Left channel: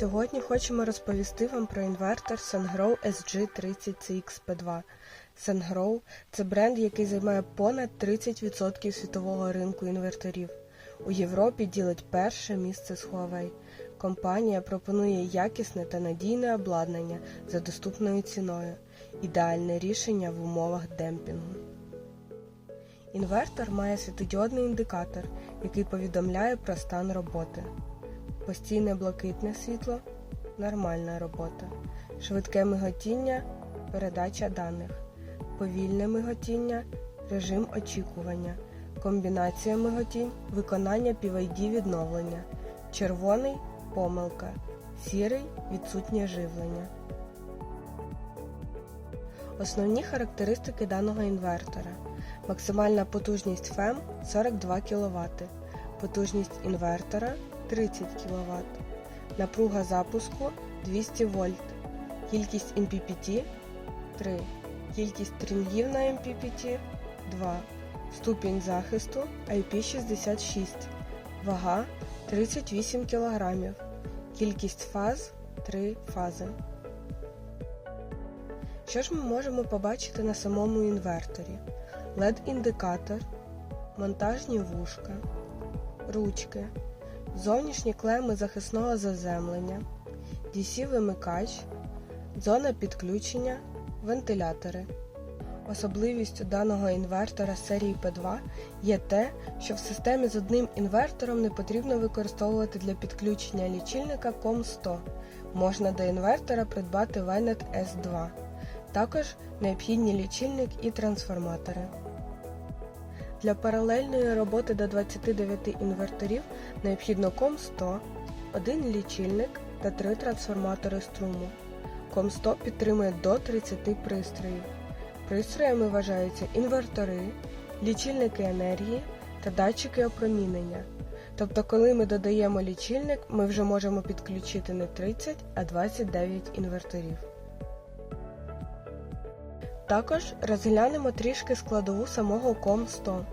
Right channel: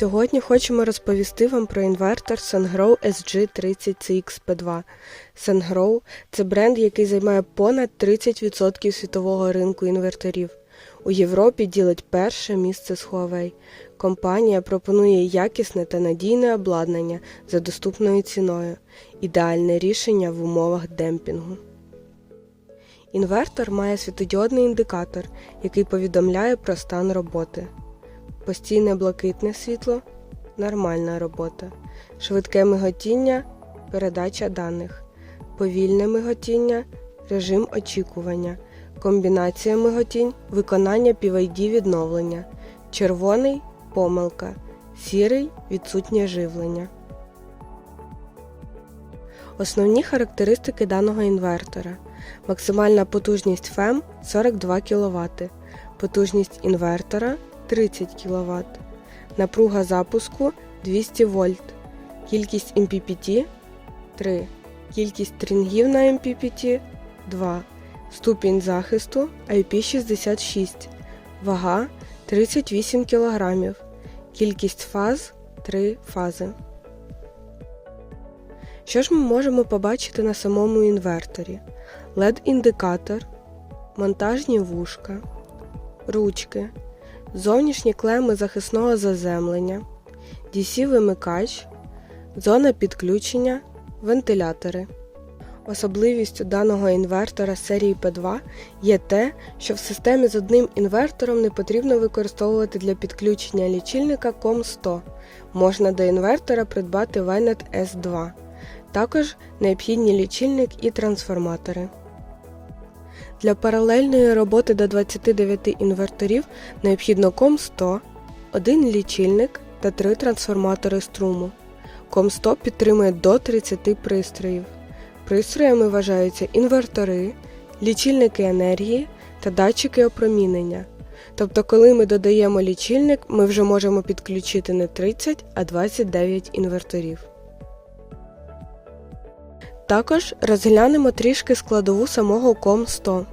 Сьогодні хочемо розповісти вам про інвертор SunGrow SG30CXP2. SunGrow – це бренд, який займає понад 30% світового ринку інверторів. У Європі ділить перше місце з Huawei. Компанія пропонує якісне та надійне обладнання за доступною ціною, ідеальне рішення в умовах демпінгу. Інвертор має світодіодний індикатор, який повідомляє про стан роботи. Постійне блакитне світло нормальна робота. Швидке миготіння передача даних. Повільне миготіння режим очікування. Комбінація миготінь виконання PID відновлення. Червоний помилка. Сірий відсутнє живлення. Основні характеристики даного інвертора. Максимальна потужність FEM 42 кВт. Потужність інвертора 30 кВт. Напруга запуску 200 вольт. Кількість MPPT 3. Кількість стрінгів на MPPT 2. Ступінь захисту IP66. Вага 38 кг. Кількість фаз 3 фази. Що ж ми можемо побачити на самому інверторі? LED-індикатор, монтажні вушка, ручки, зовнішні клеми захисного заземлення, DC-вимикач, зона підключення, вентилятори. Особливістю даного інвертора серії P2 є те, що в системі з одним інвертором не потрібно використовувати для підключення лічильника COM100. Можна до інвертора придбати Vynet S2. Також необхідні лічильник і трансформатори. Для паралельної роботи до 29 інверторів необхідно COM100, один лічильник та три трансформатори струму. COM100 підтримує до 30 пристроїв. Пристроями вважаються інвертори, лічильники енергії та датчики опромінення. Тобто, коли ми додаємо лічильник, ми вже можемо підключити не 30, а 29 інверторів. Також розглянемо трішки складову самого COM100.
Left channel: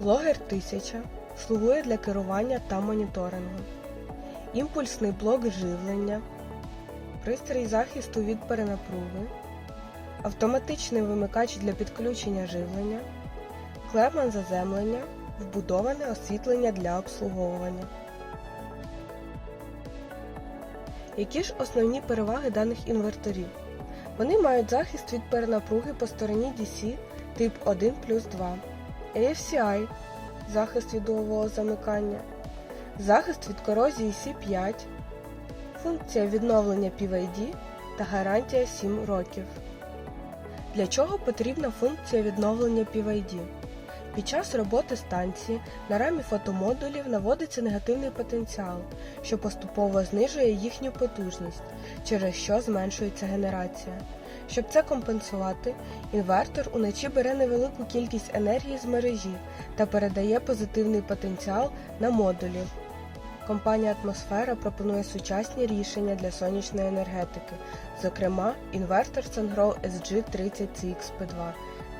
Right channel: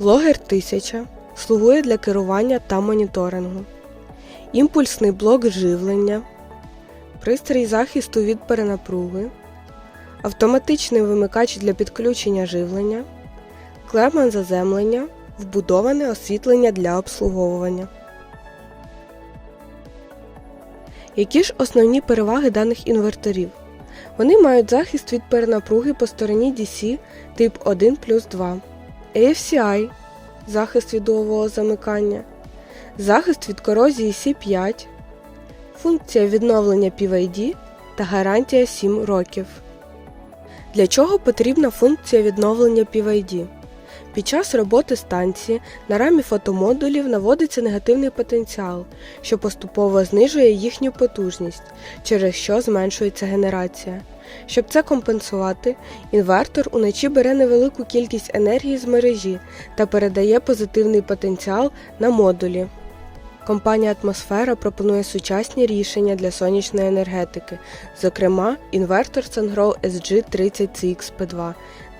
Логер 1000 слугує для керування та моніторингу. Імпульсний блок живлення, пристрій захисту від перенапруги, автоматичний вимикач для підключення живлення, клеман заземлення, вбудоване освітлення для обслуговування. Які ж основні переваги даних інверторів? Вони мають захист від перенапруги по стороні DC тип 1 плюс 2, AFCI захист від дугового замикання, захист від корозії C5, функція відновлення PVD та гарантія 7 років. Для чого потрібна функція відновлення PVD? Під час роботи станції на рамі фотомодулів наводиться негативний потенціал, що поступово знижує їхню потужність, через що зменшується генерація. Щоб це компенсувати, інвертор уночі бере невелику кількість енергії з мережі та передає позитивний потенціал на модулі. Компанія Атмосфера пропонує сучасні рішення для сонячної енергетики, зокрема інвертор SunGrow SG30CXP2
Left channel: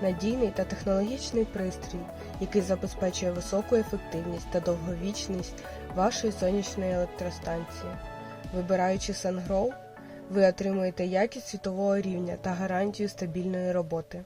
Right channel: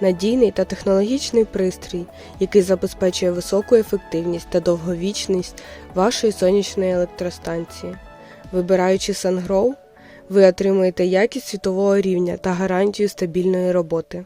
надійний та технологічний пристрій, який забезпечує високу ефективність та довговічність вашої сонячної електростанції. Вибираючи SunGrow, ви отримуєте якість світового рівня та гарантію стабільної роботи.